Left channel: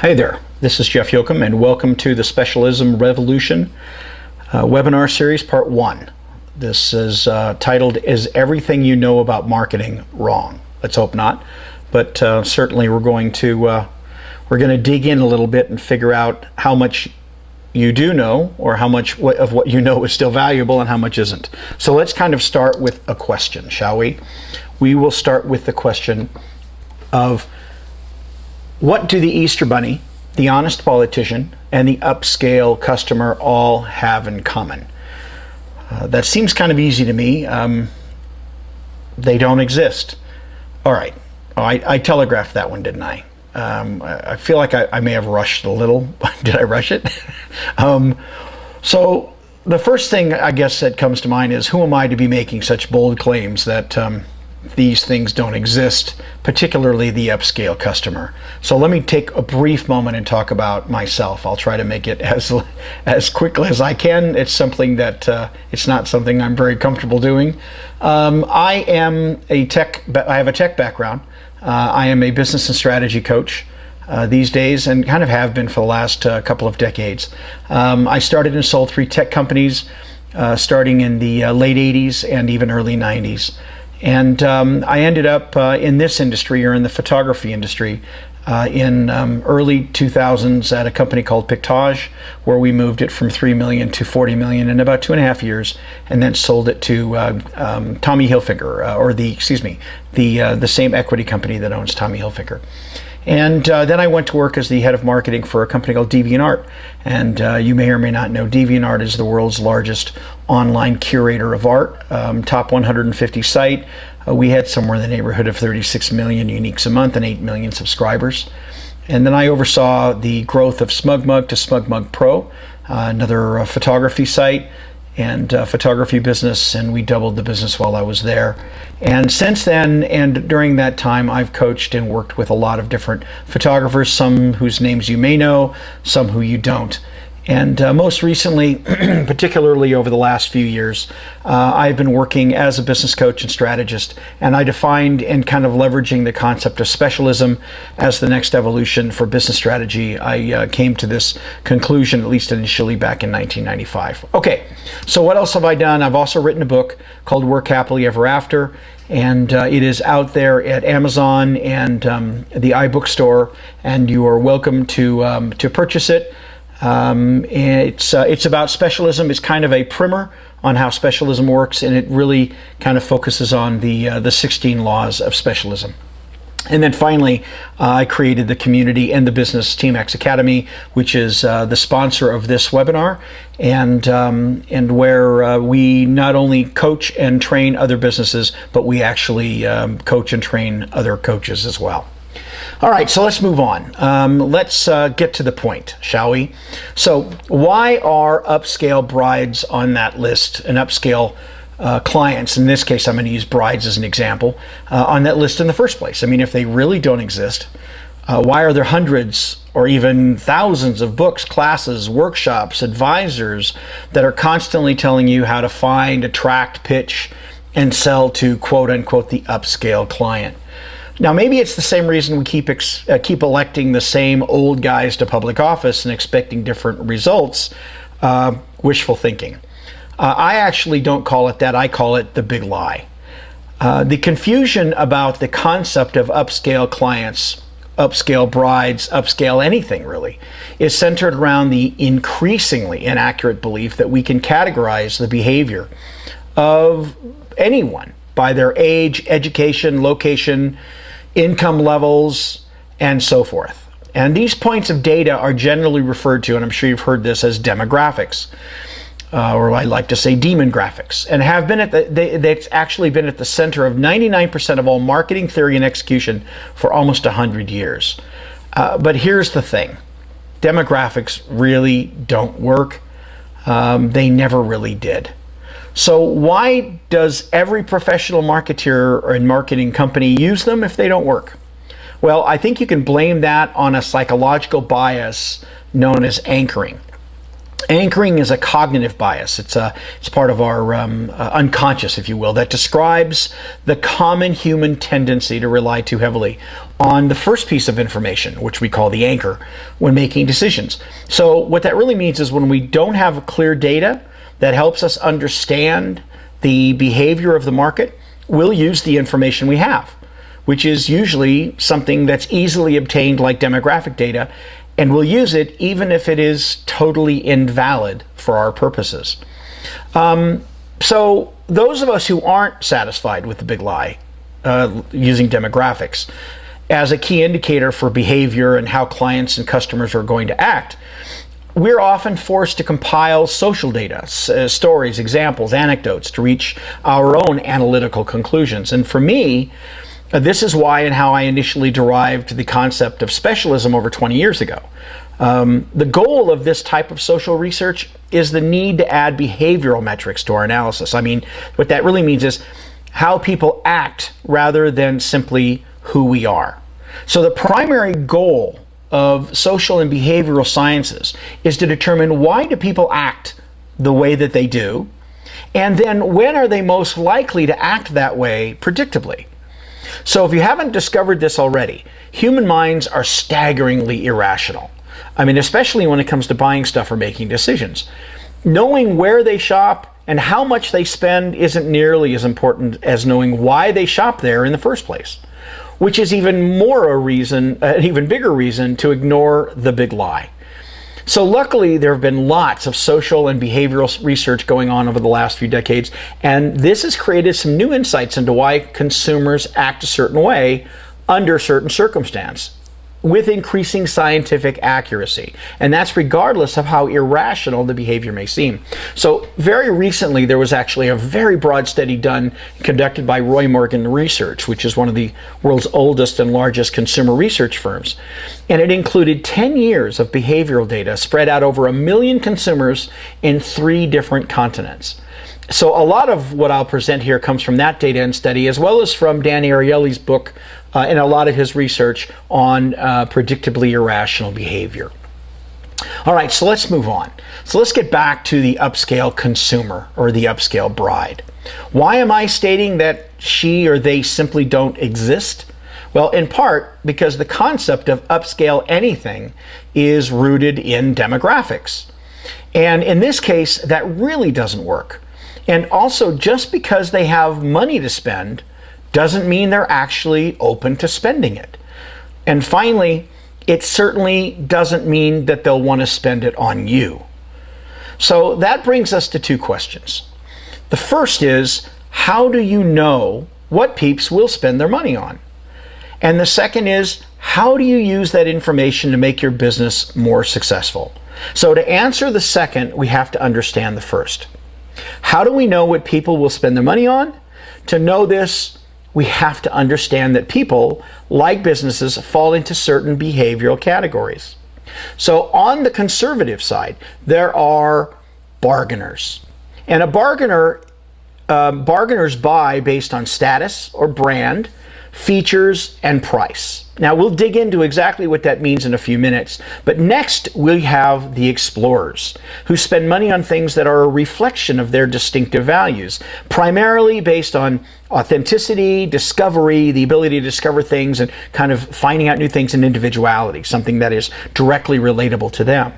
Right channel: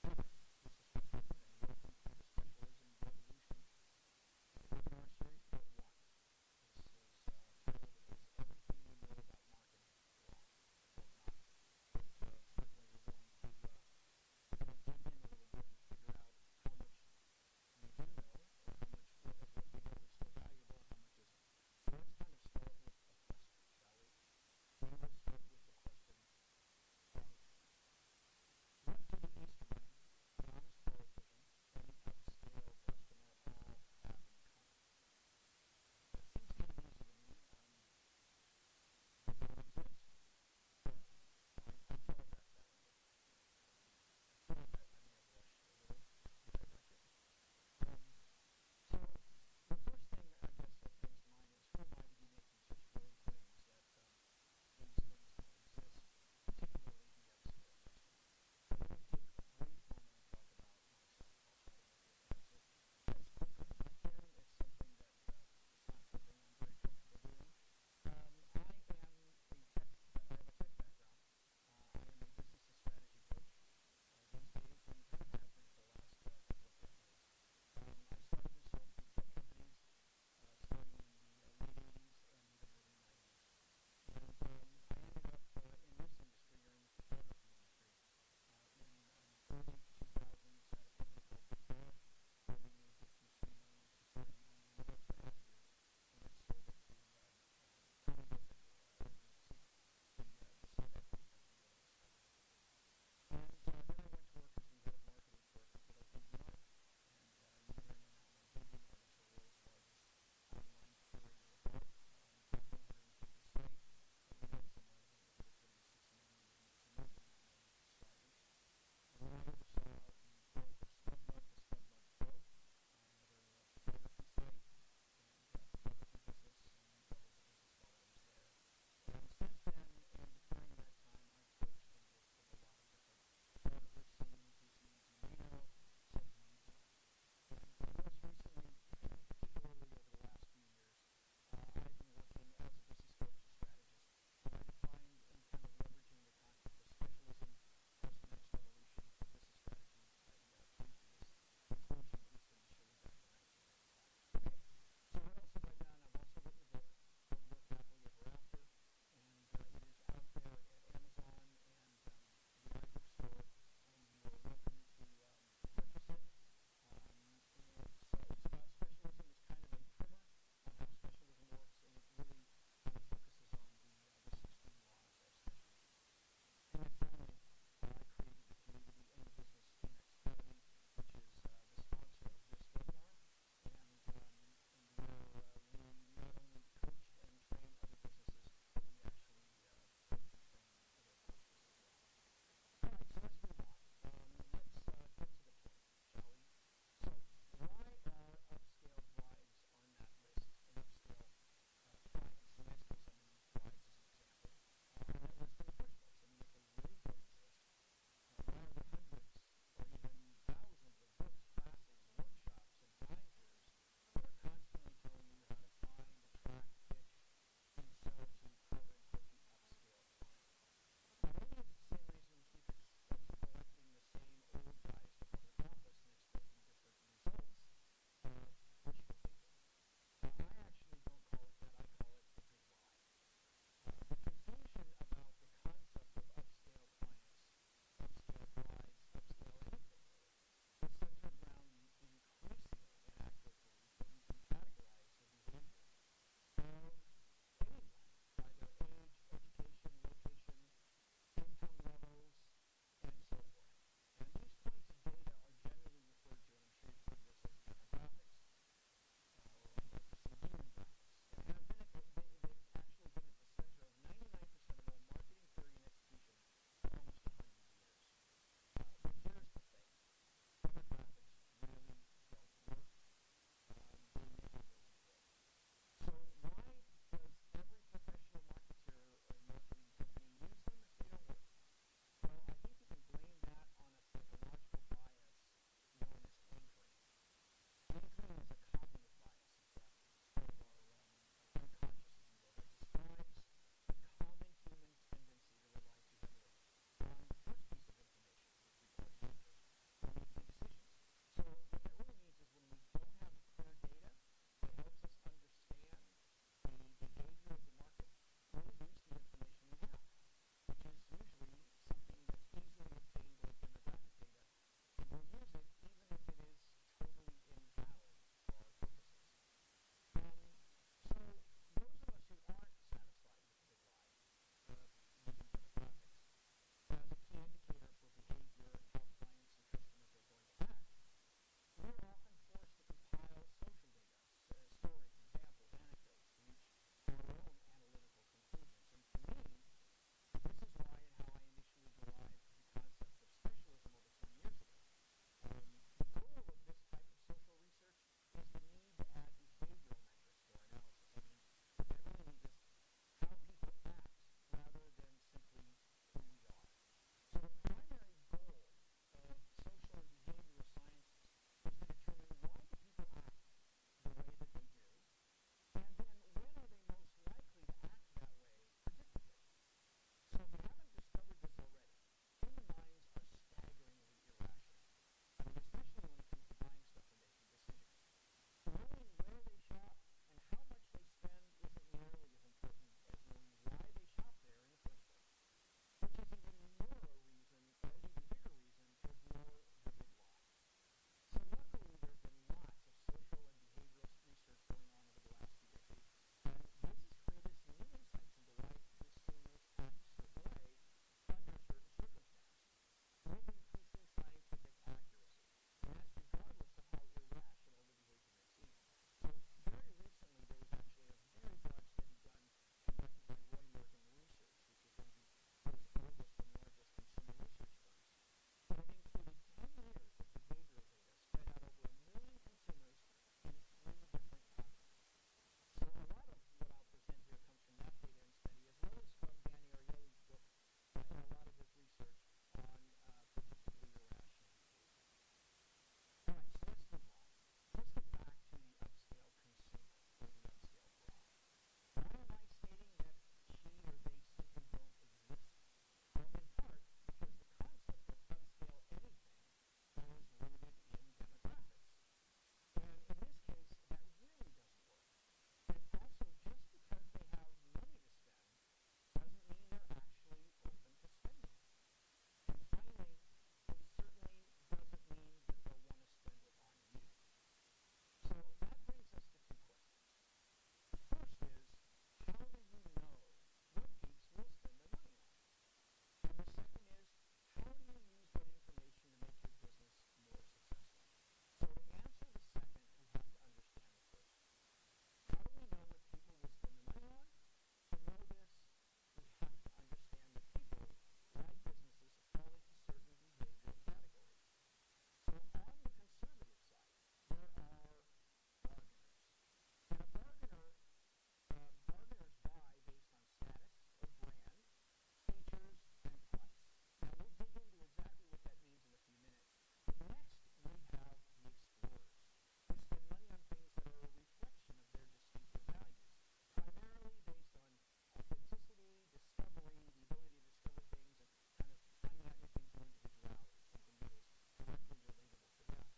Hi there, this is Jeff Jochum, and welcome to the Specialism Revolution webinar series, part 1. This is titled, Is Everything You Know About Marketing Wrong? Let's hope not, but certainly we're going to dig in a little bit and figure out how much you do know, or how much of what you know is still valuable and how much isn't. So let's kind of start with a question, shall we? We will start with the question of, what do the Easter Bunny, the honest politician, and the upscale customer all have in common? That seems kind of easy to me. They don't exist. All right. Oh, I telegraphed that one, didn't I? I feel like I may have rushed a little. Did I rush it? So the first thing I guess that comes to mind is, who am I to be making such bold claims that these things don't exist, particularly the upscale customer? So let me take a brief moment and talk about myself. I'll try to make it as quickly as I can. It's something that it's not something I'm very comfortable doing. I have a tech background. I am a business and strategy coach these days, and kind of have been for the last couple of decades. I started and sold 3 tech companies starting in the late 80s and even early 90s. And I ended up in this industry, or in the photography industry, in early 2000s at a company called Pictage, where we moved it from 3 million to 40 million in about 2.5 years, and then sold it to Tommy Hilfiger, the same equity company that owns Tommy Hilfiger. And then I went to work as the head of marketing for a company called DeviantArt. And you may or may not know, DeviantArt is the world's largest online curator of art, top 150 site. We had somewhere in the neighborhood of 36 million uniques a month and 8 million subscribers. And then I oversaw the growth of SmugMug to SmugMug Pro, another photography site and photography business, and we doubled the business while I was there. And since then, and during that time, I've coached and worked with a lot of different photographers, some whose names you may know, some who you don't. And most recently, particularly over the last few years, I've been working as a business coach and strategist, and I defined and kind of leveraging the concept of specialism as the next evolution for business strategy. I came to this conclusion, at least initially, back in 1995. Okay, so what else have I done? I've also written a book called Work Happily Ever After, and it is out there at Amazon and the iBookstore, and you are welcome to purchase it. It's about specialism. It's kind of a primer on how specialism works, and it really kind of focuses on the 16 laws of specialism. And then finally, I created the community and the Business Team X Academy, which is the sponsor of this webinar, and where we not only coach and train other businesses, but we actually coach and train other coaches as well. All right, so let's move on. Let's get to the point, shall we? So why are upscale brides on that list, and upscale clients, in this case I'm going to use brides as an example, on that list in the first place? I mean, if they really don't exist, why are there hundreds or even thousands of books, classes, workshops, advisors that are constantly telling you how to find, attract, pitch, and sell to quote-unquote the upscale client? Now, maybe it's the same reason we keep electing the same old guys to public office and expecting different results, wishful thinking. I actually don't call it that. I call it the big lie. The confusion about the concept of upscale clients, upscale brides, upscale anything really, is centered around the increasingly inaccurate belief that we can categorize the behavior of anyone by their age, education, location, income levels, and so forth. And these points of data are generally referred to, and I'm sure you've heard this, as demographics, or I like to say demon graphics, and have been that's actually been at the center of 99% of all marketing theory and execution for almost 100 years. But here's the thing. Demographics really don't work. They never really did. So why does every professional marketer and marketing company use them if they don't work? Well, I think you can blame that on a psychological bias known as anchoring. Anchoring is a cognitive bias. It's part of our unconscious, if you will, that describes the common human tendency to rely too heavily on the first piece of information, which we call the anchor, when making decisions. So what that really means is when we don't have clear data that helps us understand the behavior of the market, we'll use the information we have, which is usually something that's easily obtained like demographic data, and we'll use it even if it is totally invalid for our purposes. So those of us who aren't satisfied with the big lie, using demographics as a key indicator for behavior and how clients and customers are going to act, we're often forced to compile social data, stories, examples, anecdotes to reach our own analytical conclusions. And for me, this is why and how I initially derived the concept of specialism over 20 years ago. The goal of this type of social research is the need to add behavioral metrics to our analysis. I mean, what that really means is how people act rather than simply who we are. So the primary goal of social and behavioral sciences is to determine why do people act the way that they do, and then when are they most likely to act that way predictably. So if you haven't discovered this already, human minds are staggeringly irrational. I mean, especially when it comes to buying stuff or making decisions. Knowing where they shop and how much they spend isn't nearly as important as knowing why they shop there in the first place, which is even more a reason, an even bigger reason to ignore the big lie. So luckily, there have been lots of social and behavioral research going on over the last few decades, and this has created some new insights into why consumers act a certain way under certain circumstances, with increasing scientific accuracy. And that's regardless of how irrational the behavior may seem. So very recently, there was actually a very broad study conducted by Roy Morgan Research, which is one of the world's oldest and largest consumer research firms. And it included 10 years of behavioral data spread out over 1 million consumers in 3 different continents. So a lot of what I'll present here comes from that data and study, as well as from Dan Ariely's book and a lot of his research on predictably irrational behavior. All right, so let's move on. So let's get back to the upscale consumer or the upscale bride. Why am I stating that she or they simply don't exist? Well, in part because the concept of upscale anything is rooted in demographics. And in this case, that really doesn't work. And also, just because they have money to spend doesn't mean they're actually open to spending it. And finally, it certainly doesn't mean that they'll want to spend it on you. So that brings us to 2 questions. The first is, how do you know what peeps will spend their money on? And the second is, how do you use that information to make your business more successful? So to answer the second, we have to understand the first. How do we know what people will spend their money on? To know this, we have to understand that people, like businesses, fall into certain behavioral categories. So on the conservative side, there are bargainers. And a bargainers buy based on status or brand, features, and price. Now we'll dig into exactly what that means in a few minutes, but next we have the explorers, who spend money on things that are a reflection of their distinctive values, primarily based on authenticity, discovery, the ability to discover things and kind of finding out new things, and individuality, something that is directly relatable to them.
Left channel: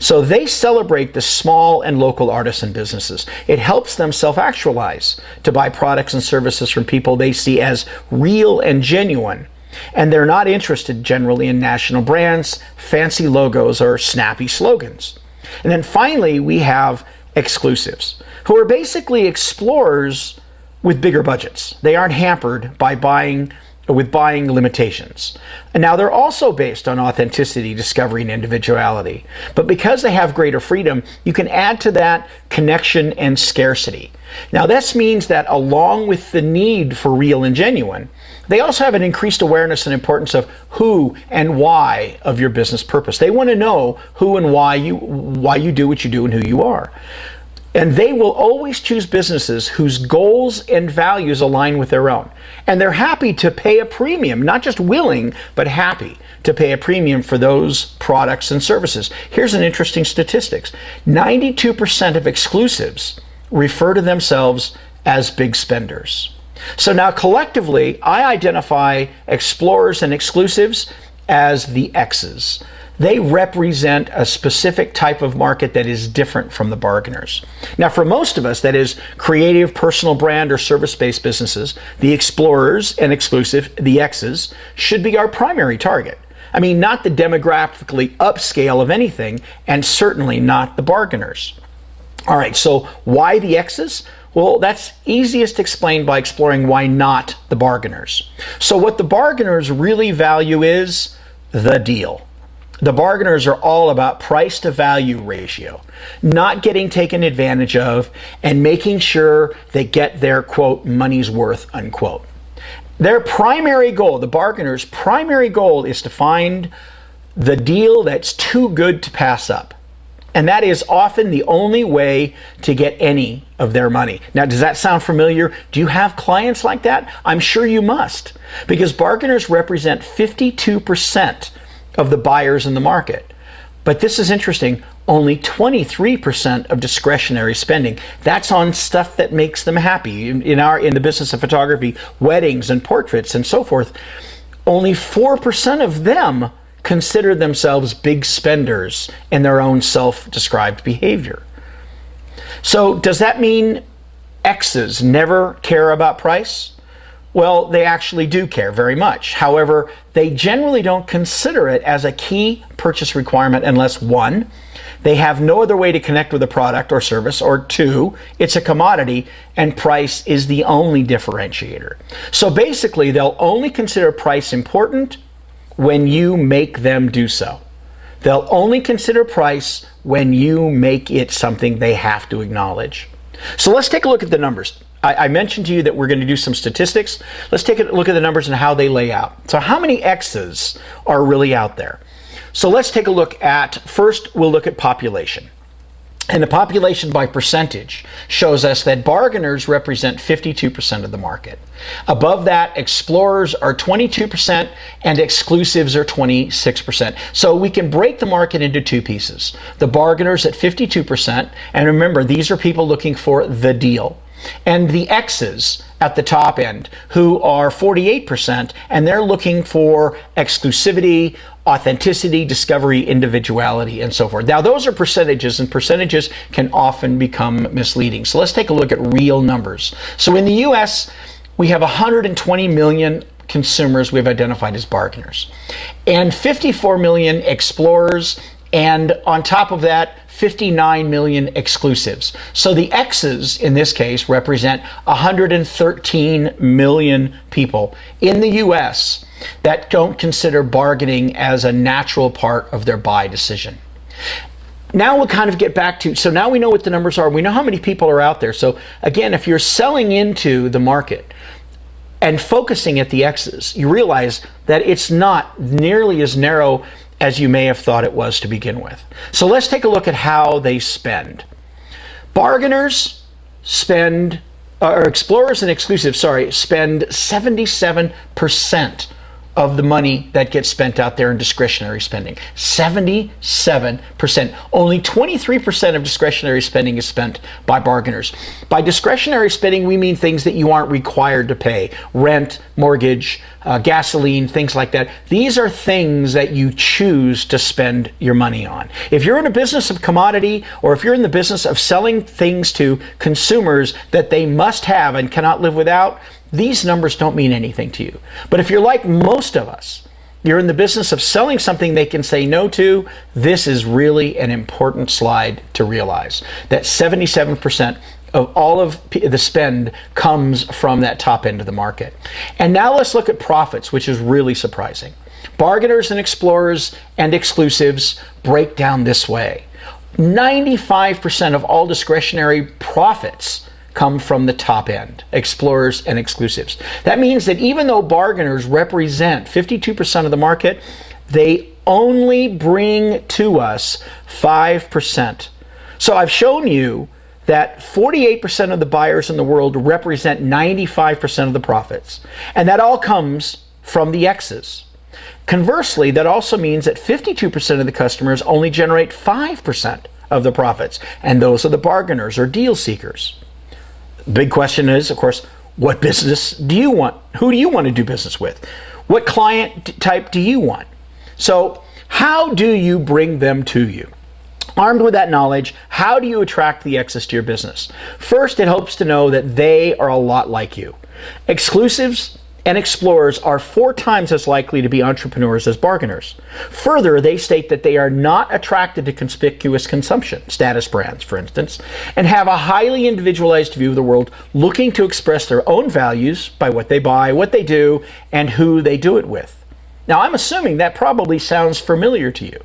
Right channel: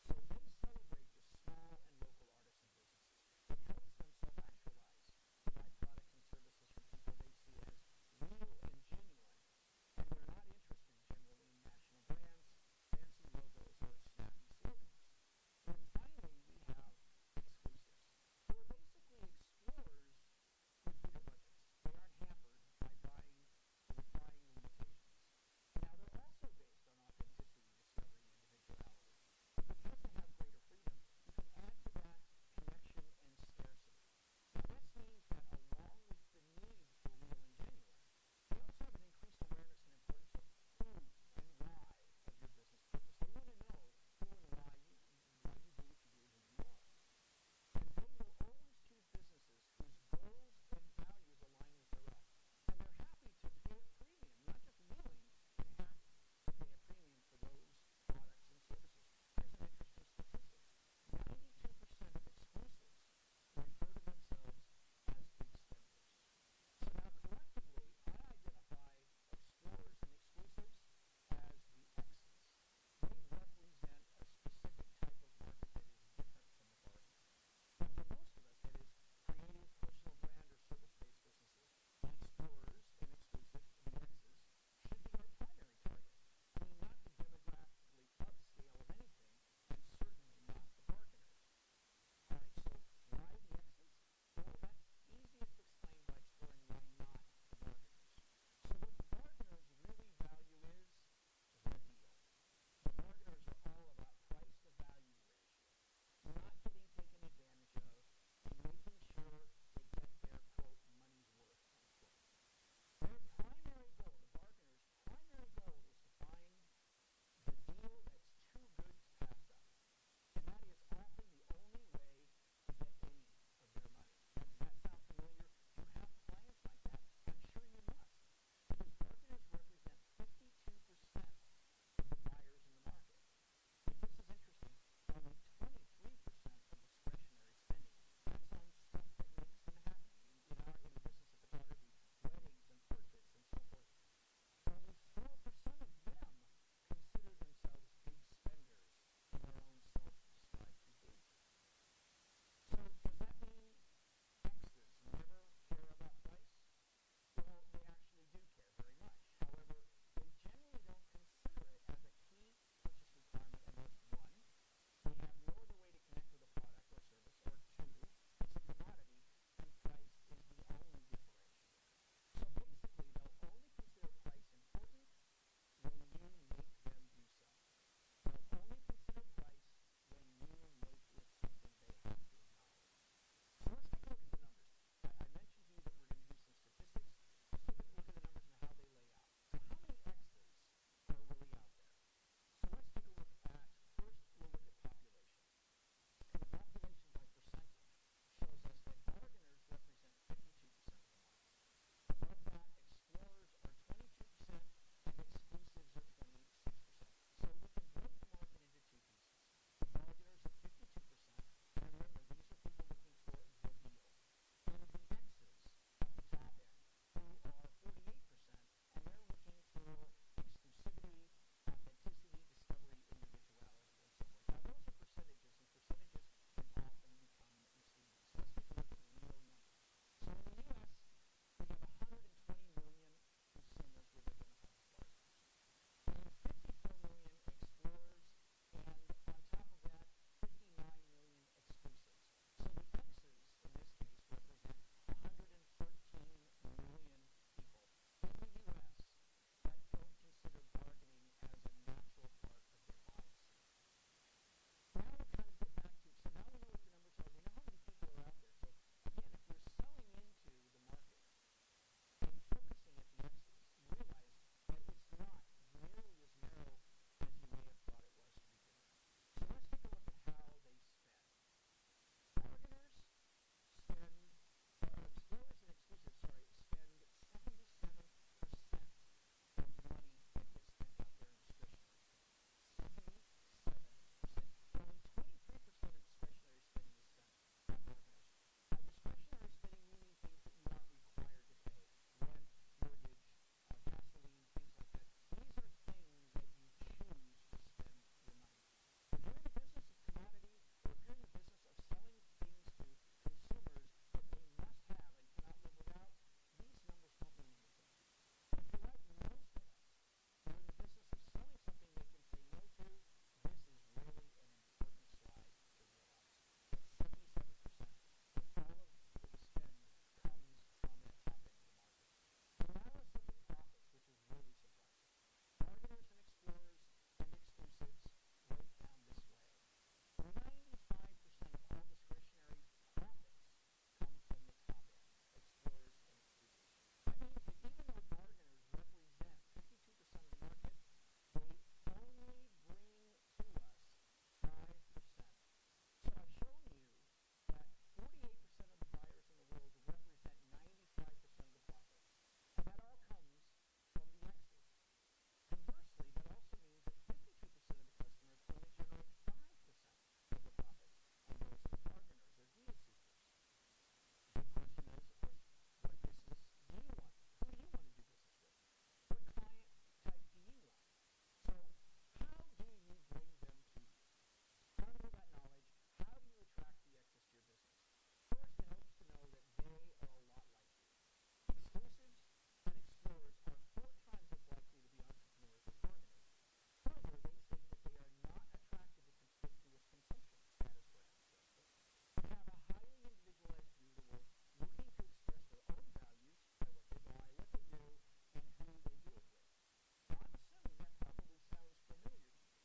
So they celebrate the small and local artisan businesses. It helps them self-actualize to buy products and services from people they see as real and genuine. And they're not interested generally in national brands, fancy logos, or snappy slogans. And then finally, we have exclusives, who are basically explorers with bigger budgets. They aren't hampered by buying limitations. And now they're also based on authenticity, discovery, and individuality. But because they have greater freedom, you can add to that connection and scarcity. Now this means that along with the need for real and genuine, they also have an increased awareness and importance of who and why of your business purpose. They want to know who and why you do what you do and who you are. And they will always choose businesses whose goals and values align with their own. And they're happy to pay a premium, not just willing, but happy to pay a premium for those products and services. Here's an interesting statistics. 92% of exclusives refer to themselves as big spenders. So now collectively, I identify explorers and exclusives as the X's. They represent a specific type of market that is different from the bargainers. Now, for most of us, that is creative, personal brand, or service-based businesses, the explorers and exclusive, the X's, should be our primary target. I mean, not the demographically upscale of anything, and certainly not the bargainers. All right, so why the X's? Well, that's easiest explained by exploring why not the bargainers. So what the bargainers really value is the deal. The bargainers are all about price to value ratio, not getting taken advantage of, and making sure they get their, quote, money's worth, unquote. Their primary goal, the bargainers' primary goal, is to find the deal that's too good to pass up. And that is often the only way to get any of their money. Now, does that sound familiar? Do you have clients like that? I'm sure you must, because bargainers represent 52% of the buyers in the market. But this is interesting, only 23% of discretionary spending. That's on stuff that makes them happy. In the business of photography, weddings and portraits and so forth, only 4% of them consider themselves big spenders in their own self-described behavior. So does that mean X's never care about price? Well, they actually do care very much. However, they generally don't consider it as a key purchase requirement unless, one, they have no other way to connect with a product or service, or two, it's a commodity and price is the only differentiator. So basically, they'll only consider price important when you make them do so. They'll only consider price when you make it something they have to acknowledge. So let's take a look at the numbers. I mentioned to you that we're going to do some statistics. Let's take a look at the numbers and how they lay out. So how many X's are really out there? So let's take a look at, first we'll look at population. And the population by percentage shows us that bargainers represent 52% of the market. Above that, explorers are 22% and exclusives are 26%. So we can break the market into two pieces. The bargainers at 52%, and remember, these are people looking for the deal. And the X's at the top end, who are 48%, and they're looking for exclusivity, authenticity, discovery, individuality, and so forth. Now, those are percentages, and percentages can often become misleading. So let's take a look at real numbers. So in the US, we have 120 million consumers we've identified as bargainers, and 54 million explorers, and on top of that, 59 million exclusives. So the X's in this case represent 113 million people in the US that don't consider bargaining as a natural part of their buy decision. Now we'll kind of get back to, so now we know what the numbers are. We know how many people are out there. So again, if you're selling into the market and focusing at the X's, you realize that it's not nearly as narrow as you may have thought it was to begin with. So let's take a look at how they spend. Bargainers spend, or explorers and exclusives, spend 77% of the money that gets spent out there in discretionary spending. 77%. Only 23% of discretionary spending is spent by bargainers. By discretionary spending, we mean things that you aren't required to pay. Rent, mortgage, gasoline, things like that. These are things that you choose to spend your money on. If you're in a business of commodity, or if you're in the business of selling things to consumers that they must have and cannot live without, these numbers don't mean anything to you. But if you're like most of us, you're in the business of selling something they can say no to, this is really an important slide to realize. That 77% of all of the spend comes from that top end of the market. And now let's look at profits, which is really surprising. Bargainers and explorers and exclusives break down this way. 95% of all discretionary profits come from the top end, explorers and exclusives. That means that even though bargainers represent 52% of the market, they only bring to us 5%. So I've shown you that 48% of the buyers in the world represent 95% of the profits. And that all comes from the X's. Conversely, that also means that 52% of the customers only generate 5% of the profits. And those are the bargainers or deal seekers. The big question is, of course, What business do you want? Who do you want to do business with? What client type do you want? So how do you bring them to you? Armed with that knowledge, how do you attract the X's to your business? First, it helps to know that they are a lot like you. Exclusives and explorers are 4 times as likely to be entrepreneurs as bargainers. Further, they state that they are not attracted to conspicuous consumption, status brands, for instance, and have a highly individualized view of the world, looking to express their own values by what they buy, what they do, and who they do it with. Now, I'm assuming that probably sounds familiar to you.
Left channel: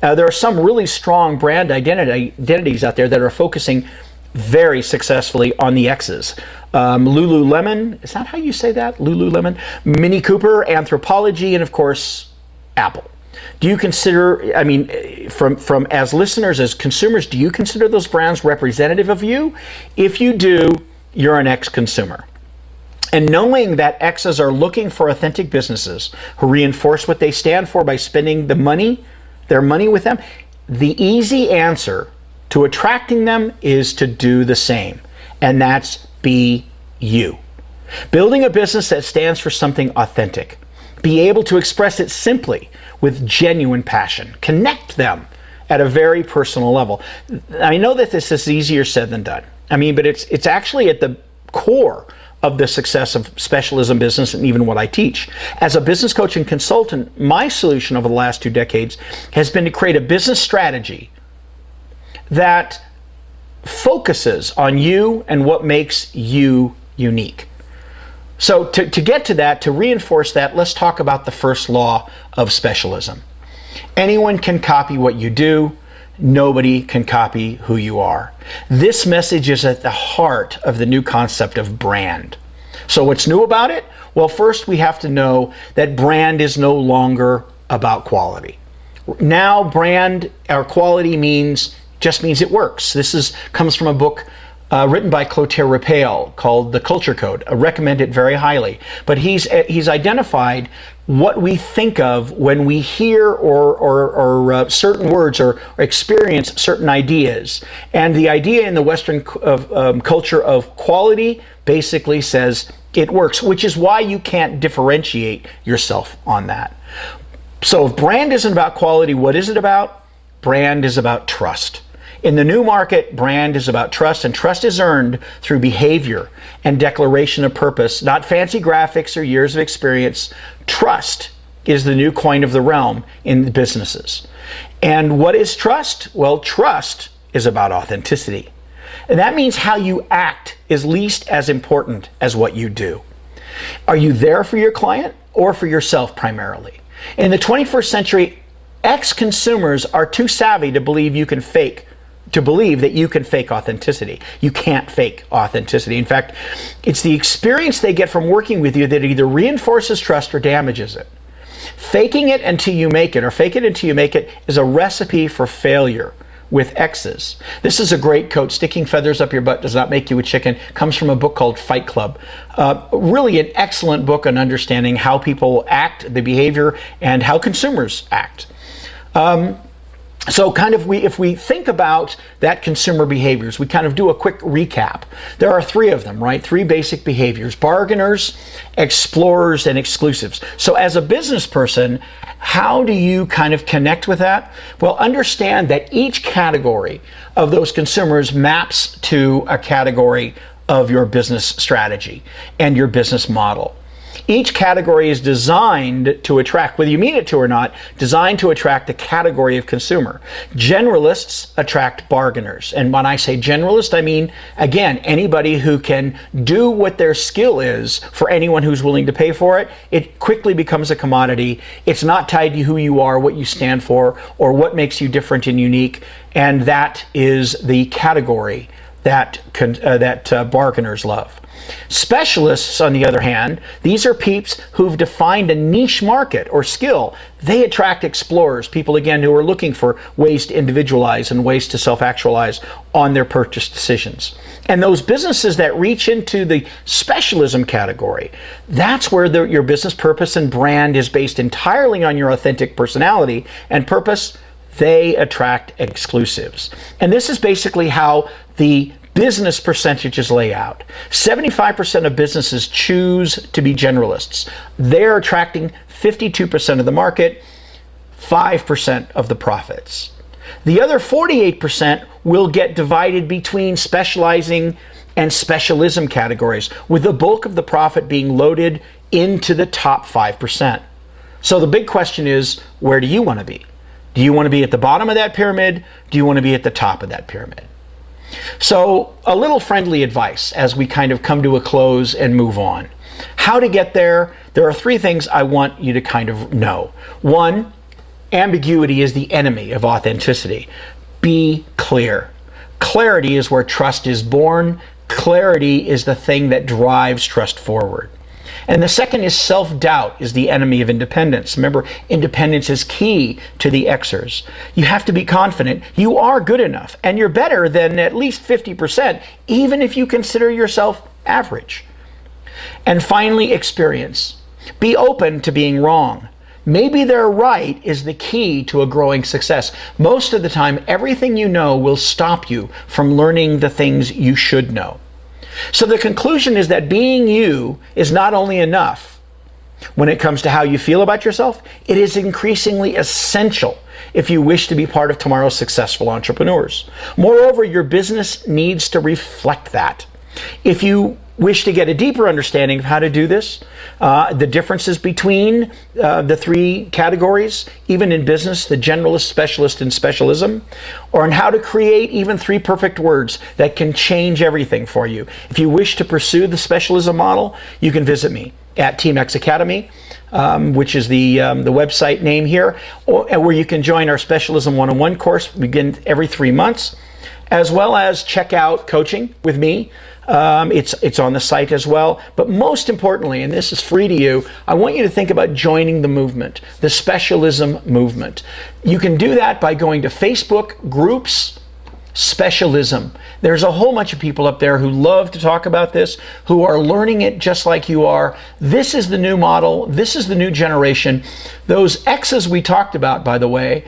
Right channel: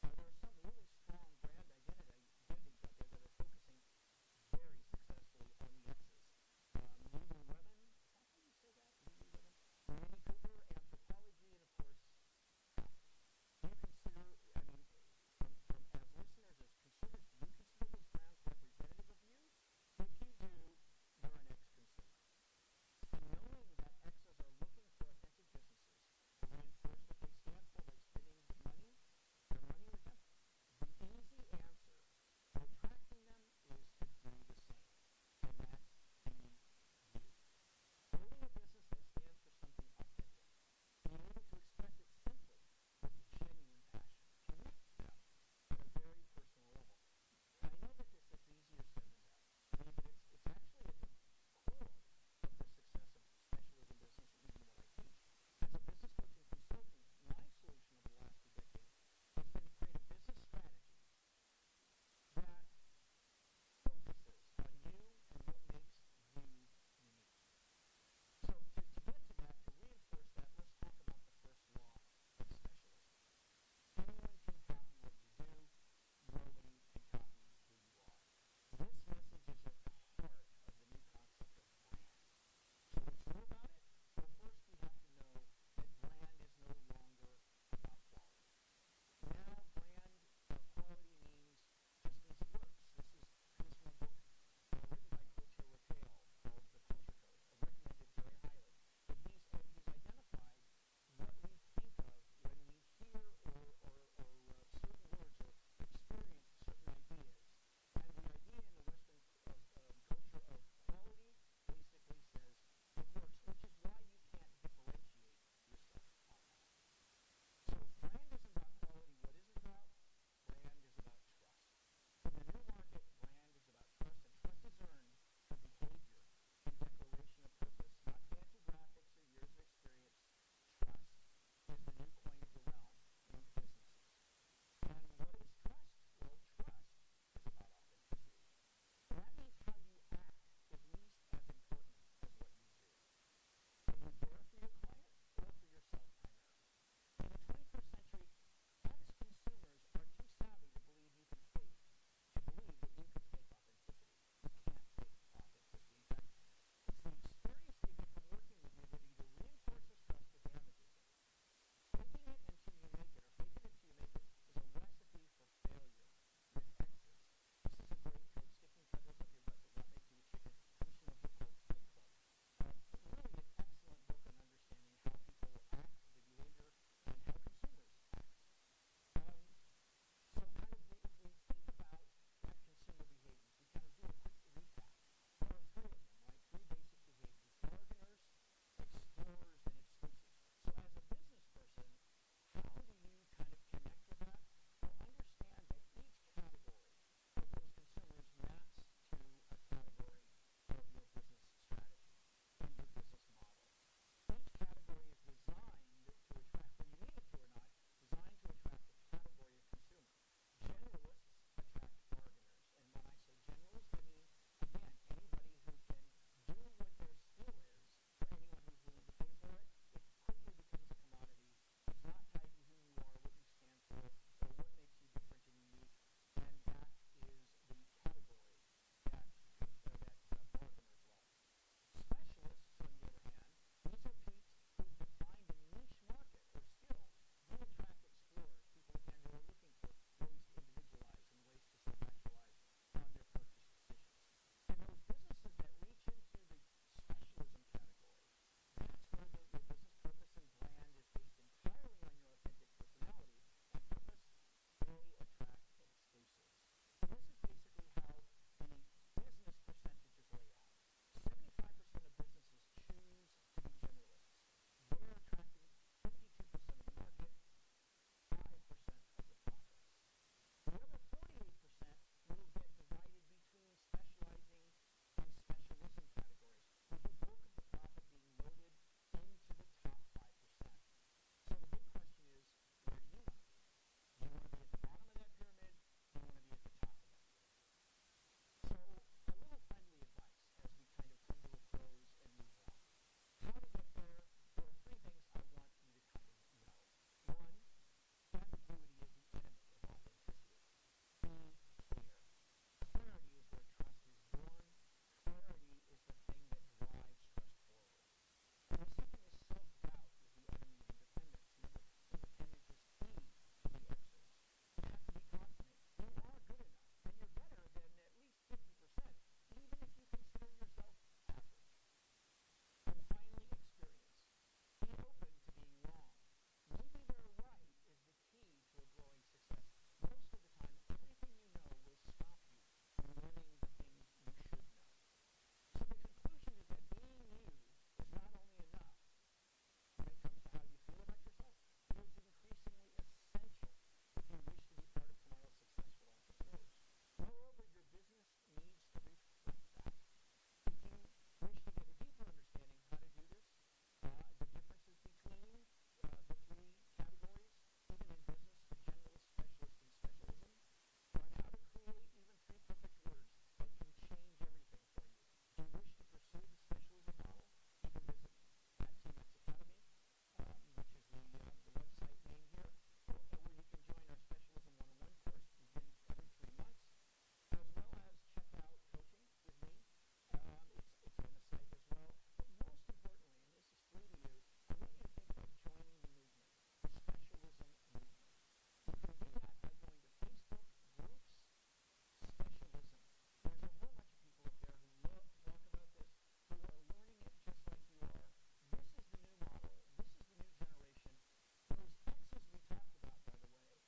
There are some really strong brand identities out there that are focusing very successfully on the X's. Lululemon, is that how you say that? Lululemon, Mini Cooper, Anthropologie, and of course, Apple. Do you consider, I mean, from as listeners, as consumers, do you consider those brands representative of you? If you do, you're an X consumer. And knowing that X's are looking for authentic businesses who reinforce what they stand for by spending their money with them, the easy answer to attracting them is to do the same, and that's be you. Building a business that stands for something authentic. Be able to express it simply with genuine passion. Connect them at a very personal level. I know that this is easier said than done. I mean, but it's actually at the core of the success of specialism business and even what I teach. As a business coach and consultant, my solution over the last 2 decades has been to create a business strategy that focuses on you and what makes you unique. So to get to that, to reinforce that, let's talk about the first law of specialism. Anyone can copy what you do. Nobody can copy who you are. This message is at the heart of the new concept of brand. So what's new about it? Well, first we have to know that brand is no longer about quality. Now brand or quality just means it works. This comes from a book written by Clotaire Raphael called The Culture Code. I recommend it very highly. But he's identified what we think of when we hear or certain words or experience certain ideas. And the idea in the Western culture of quality basically says it works, which is why you can't differentiate yourself on that. So if brand isn't about quality, what is it about? Brand is about trust. In the new market, brand is about trust, and trust is earned through behavior and declaration of purpose, not fancy graphics or years of experience. Trust is the new coin of the realm in businesses. And what is trust? Well, trust is about authenticity. And that means how you act is least as important as what you do. Are you there for your client or for yourself primarily? In the 21st century, ex-consumers are too savvy to believe that you can fake authenticity. You can't fake authenticity. In fact, it's the experience they get from working with you that either reinforces trust or damages it. Faking it until you make it, or fake it until you make it, is a recipe for failure with X's. This is a great quote. Sticking feathers up your butt does not make you a chicken. Comes from a book called Fight Club. Really an excellent book on understanding how people act, the behavior, and how consumers act. So if we think about that consumer behaviors, we kind of do a quick recap. There are 3 of them, right? 3 basic behaviors: bargainers, explorers, and exclusives. So as a business person, how do you kind of connect with that? Well, understand that each category of those consumers maps to a category of your business strategy and your business model. Each category is designed to attract, whether you mean it to or not, designed to attract a category of consumer. Generalists attract bargainers. And when I say generalist, I mean, again, anybody who can do what their skill is for anyone who's willing to pay for it. It quickly becomes a commodity. It's not tied to who you are, what you stand for, or what makes you different and unique. And that is the category that bargainers love. Specialists, on the other hand, these are peeps who've defined a niche market or skill. They attract explorers, people, again, who are looking for ways to individualize and ways to self-actualize on their purchase decisions. And those businesses that reach into the specialism category, that's where your business purpose and brand is based entirely on your authentic personality and purpose. They attract exclusives. And this is basically how the business percentages lay out. 75% of businesses choose to be generalists. They're attracting 52% of the market, 5% of the profits. The other 48% will get divided between specializing and specialism categories, with the bulk of the profit being loaded into the top 5%. So the big question is, where do you want to be? Do you want to be at the bottom of that pyramid? Do you want to be at the top of that pyramid? So a little friendly advice as we kind of come to a close and move on. How to get there? There are 3 things I want you to kind of know. 1, ambiguity is the enemy of authenticity. Be clear. Clarity is where trust is born. Clarity is the thing that drives trust forward. And the second is self-doubt is the enemy of independence. Remember, independence is key to the Xers. You have to be confident you are good enough and you're better than at least 50%, even if you consider yourself average. And finally, experience. Be open to being wrong. Maybe they're right is the key to a growing success. Most of the time, everything you know will stop you from learning the things you should know. So the conclusion is that being you is not only enough when it comes to how you feel about yourself, it is increasingly essential if you wish to be part of tomorrow's successful entrepreneurs. Moreover, your business needs to reflect that. If you wish to get a deeper understanding of how to do this, the differences between the 3 categories, even in business, the generalist, specialist, and specialism, or on how to create even 3 perfect words that can change everything for you. If you wish to pursue the specialism model, you can visit me at Team X Academy, which is the website name here, where you can join our Specialism 101 course, begin every 3 months, as well as check out coaching with me. It's on the site as well. But most importantly, and this is free to you, I want you to think about joining the movement, the Specialism movement. You can do that by going to Facebook groups, Specialism. There's a whole bunch of people up there who love to talk about this, who are learning it just like you are. This is the new model. This is the new generation. Those X's we talked about, by the way,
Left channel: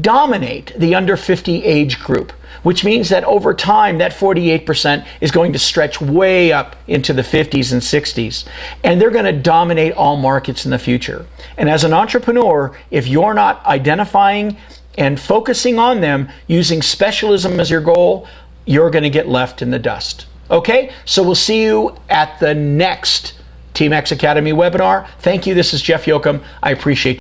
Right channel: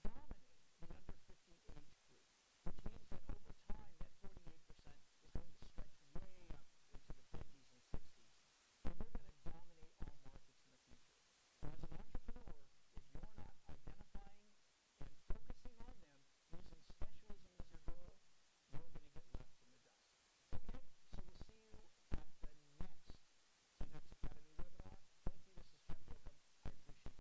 dominate the under 50 age group, which means that over time, that 48% is going to stretch way up into the 50s and 60s. And they're going to dominate all markets in the future. And as an entrepreneur, if you're not identifying and focusing on them, using specialism as your goal, you're going to get left in the dust. Okay? So we'll see you at the next Team X Academy webinar. Thank you. This is Jeff Jochum. I appreciate